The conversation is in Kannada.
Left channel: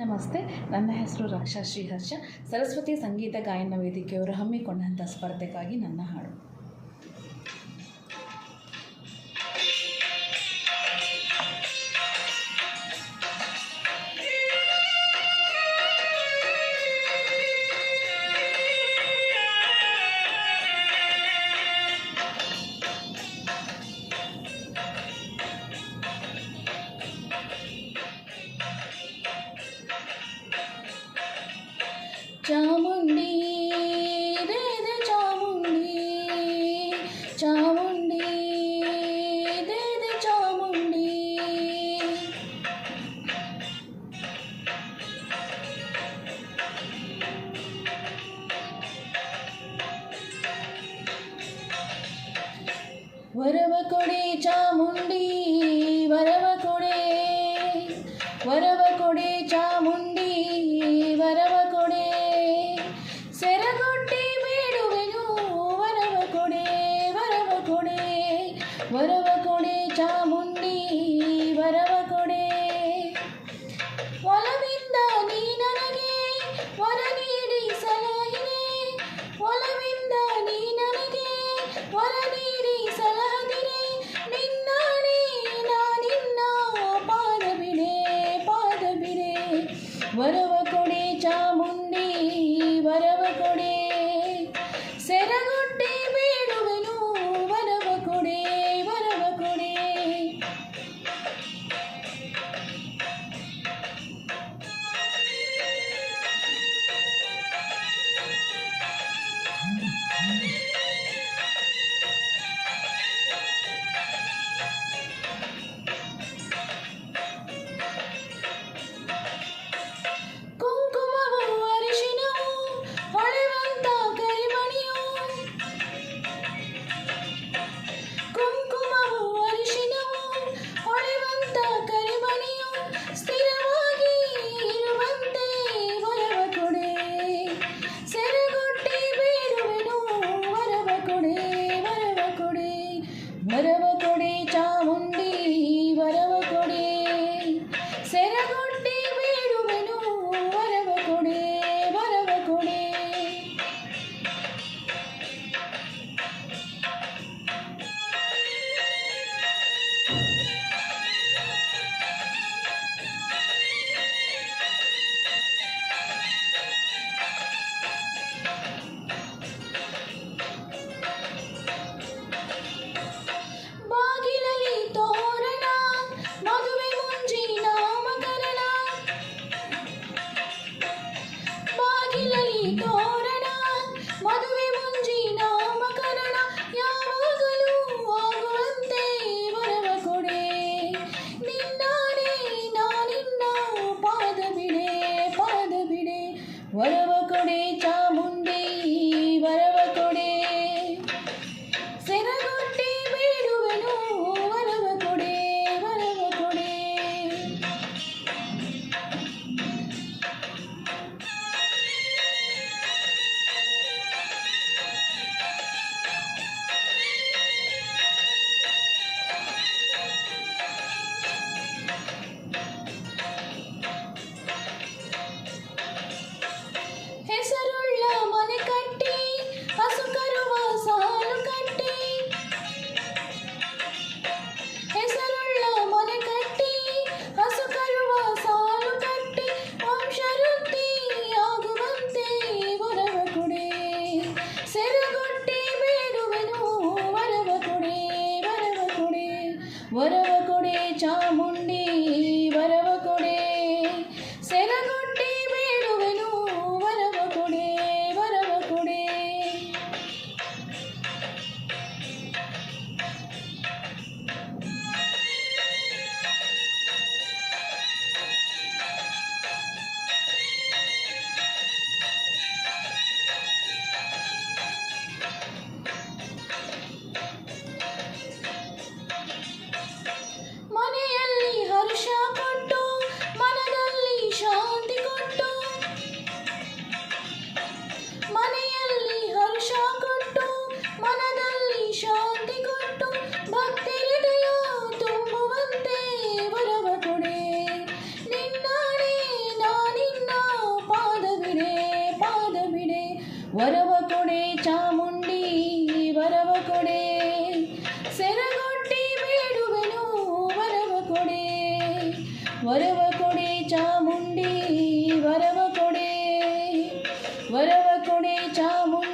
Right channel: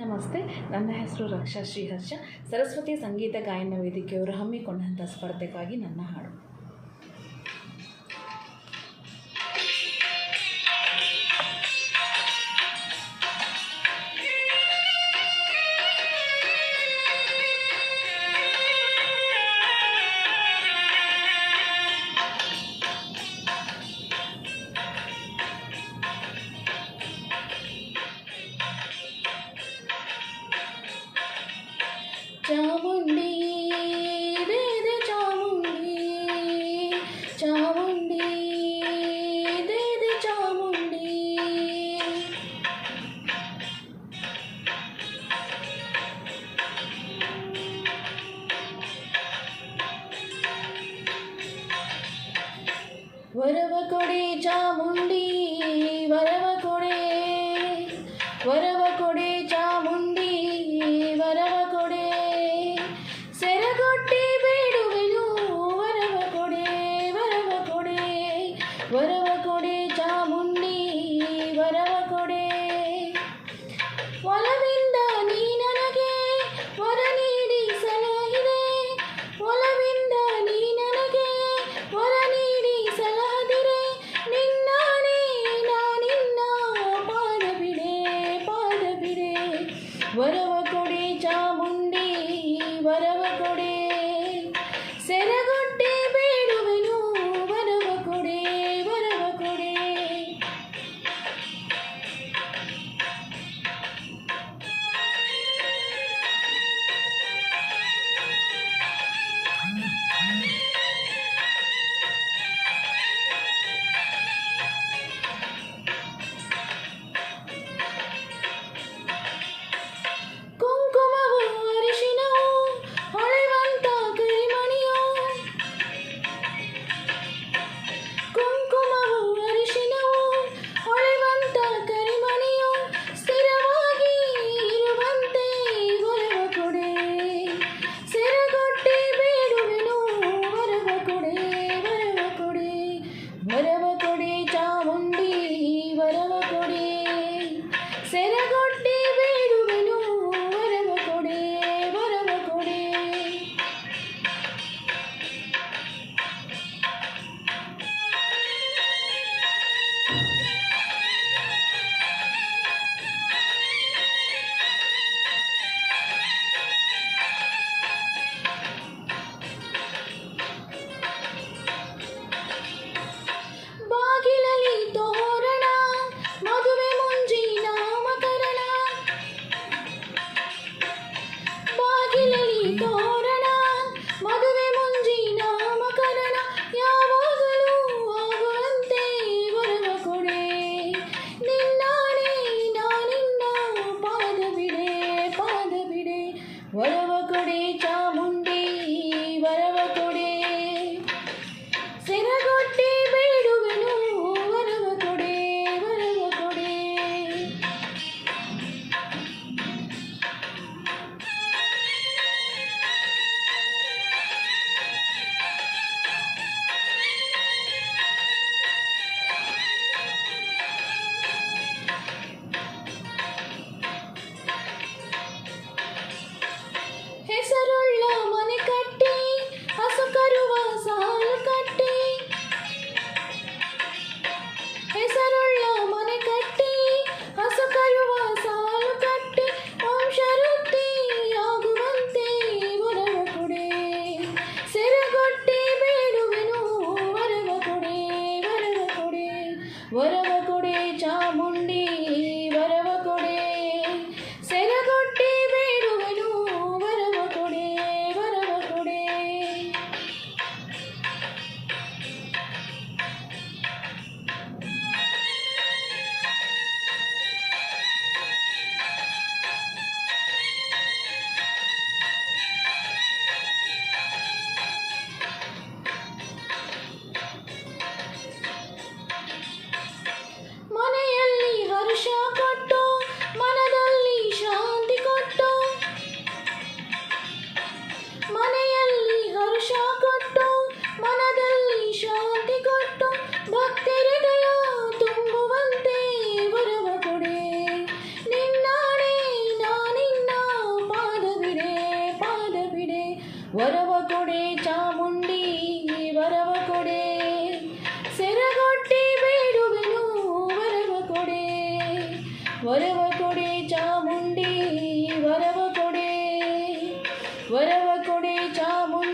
ನಮಸ್ತೆ, ನನ್ನ ಹೆಸರು ರಕ್ಷಾ ಶ್ರೀಹರ್ಷ. ಸರಸ್ವತಿ ಸಂಗೀತ ಗಾಯನ ವೇದಿಕೆಯವರು ಹಮ್ಮಿಕೊಂಡಂಥ ಸ್ಪರ್ಧೆಗಾಗಿ ನನ್ನ ಹಾಡು. ಚಾಮುಂಡಿ ದೇದೆ ಚಾಮುಂಡಿ, ಚಾಮುಂಡಿ ದೇದೆ ಚಾಮುಂಡಿ. ವರವ ಕೊಡೆ ಚಾಮುಂಡಿ, ವರವ ಕೊಡೆ, ವರವ ಕೊಡೆ ಚಾಮುಂಡಿ, ವರವ ಕೊಡೆ. ಸೆರಗೊಟ್ಟಿ ಬೇಡುವೆನು ವರವ ಕೊಡೆ, ವರವ ಕೊಡೆ, ವರವ ಕೊಡೆ ಚಾಮುಂಡಿ, ವರವ ಕೊಡೆ. ಒಲವಿಂದ ನೀ ನನಗೆ ವರ ನೀಡಿ ಸಲಹಿದೆ, ಒಲವಿಂದ ನೀ ನನಗೆ ವರ ನೀಡಿ ಸಲಹದಿರೆ. ನಿನ್ನಾಣೆ ನಾನಿನ್ನ ಪಾದ ಬಿಡೆ, ಪಾದ ಬಿಡೆ. ವರವ ಕೊಡೆ ಚಾಮುಂಡಿ, ವರವ ಕೊಡೆ. ಸೆರಗೊಟ್ಟಿ ಬೇಡುವೆನು ವರವ ಕೊಡೆ, ವರವ ಕೊಡೆ. ಕುಂಕುಮವು ಅರಿಶಿನವು ಹೊಳೆವಂತ ಕರಿಮಣಿಯು, ಕುಂಕುಮವು ಅರಿಶಿನವು ಹೊಳೆವಂತ ಕರಿಮಣಿಯು. ಸ್ಥಿರವಾಗಿ ಇರುವಂತೆ ವರವ ಕೊಡೆ, ಸೆರಗೊಟ್ಟಿ ಬೇಡುವೆನು ವರವ ಕೊಡೆ, ವರವ ಕೊಡೆ. ವರವ ಕೊಡೆ ಚಾಮುಂಡಿ, ವರವ ಕೊಡೆ. ಸೆರಗೊಟ್ಟಿ ಬೇಡುವೆನು ವರವ ಕೊಡೆ, ವರವ ಕೊಡೆ. ಬಾಗಿಲಲ್ಲಿ ತೋರಣ, ಮದುವೆ ಮುಂಜಿ ನಾಮಕರಣ. ಬಾಗಿಲಲ್ಲಿ ತೋರಣ, ಮದುವೆ ಮುಂಜಿ ನಾಮಕರಣ. ಯಾವಾಗಲೂ ಆಗುವಂತೆ ವರವ ಕೊಡೆ. ನಿನ್ನಾಣೆ ನಾನಿನ್ನ ಪಾದ ಬಿಡೆ, ಪಾದ ಬಿಡೆ. ವರವ ಕೊಡೆ ಚಾಮುಂಡಿ, ವರವ ಕೊಡೆ. ಸೆರಗೊಟ್ಟಿ ಬೇಡುವೆನು ವರವ ಕೊಡೆ, ವರವ ಕೊಡೆ. ಹೆಸರುಳ್ಳ ವರವ ಕೊಡೆ ಚಾಮುಂಡಿ ವರವ ಕೊಡೆ ಚಾಮುಂಡಿ